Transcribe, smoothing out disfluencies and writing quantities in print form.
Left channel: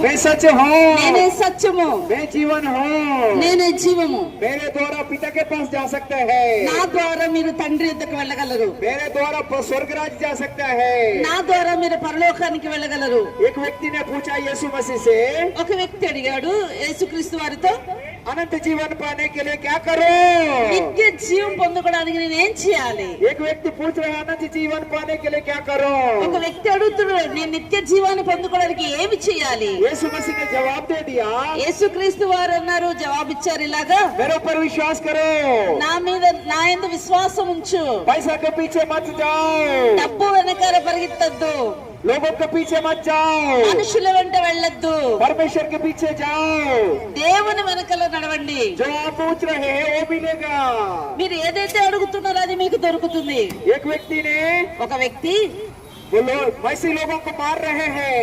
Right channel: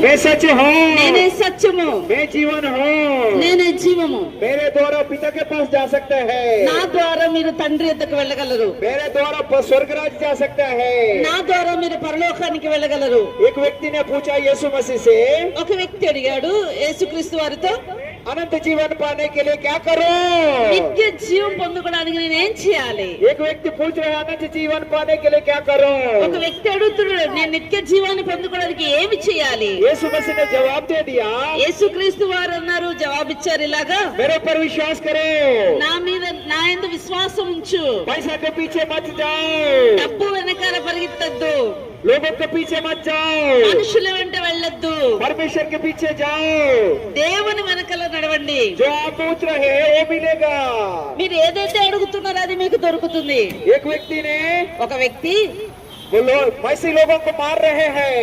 मैं सच हूँ, నేనే సత్యము, मैं जीवन हूँ, నేనే జీవము. मेरे द्वारा पिता के पास जा सकते हैं, నా ద్వారా మీరు తండ్రి యొద్దకు వెళ్ళగలరు. मेरे द्वारा स्वर्ग राज्य जा सकता है। నా ద్వారా మీరు పరలోకానికి వెళ్ళగలరు. एक व्यक्ति ने पूछा यीशु मसीह से, ఒక వ్యక్తి అడిగాడు యేసుక్రీస్తు వారితో, अनंत जीवन पाने के लिए क्या करो? నిత్య జీవం పొందుకోవడానికి నేనేం చేయాలి? एक व्यक्ति पूछ रहे अनंत जीवन पाने के लिए क्या करो? ఒక వ్యక్తి అడుగుతున్నాడు, నేను నిత్య జీవాన్ని పొందుకోవడానికి ఏమి చేయాలి? यीशु मसीह ने जवाब दे दिया, యేసుక్రీస్తు వారు అన్నారు, జవాబిచ్చారు ఇలాగా, मेरे पर विश्वास करो, నా మీద నా యందు విశ్వాసం ఉంచు, पैसा के पीछे मत जाओ, డబ్బు వెనకాల పరిగెత్తద్దు, लोगों के पीछे मत जाओ, మనుషుల వెంట వెళ్ళొద్దు, परमेश्वर के पीछे जाओ, దేవుని వెనకాల నడవండి. जो आप पूछ रहे हैं वो मिलेगा। మీరు ఏదైతే అడుగుతున్నారో అది మీకు దొరుకుతుంది. एक व्यक्ति ने ఒక వ్యక్తి वो लोग वैसे लोगों को मार रहे हैं,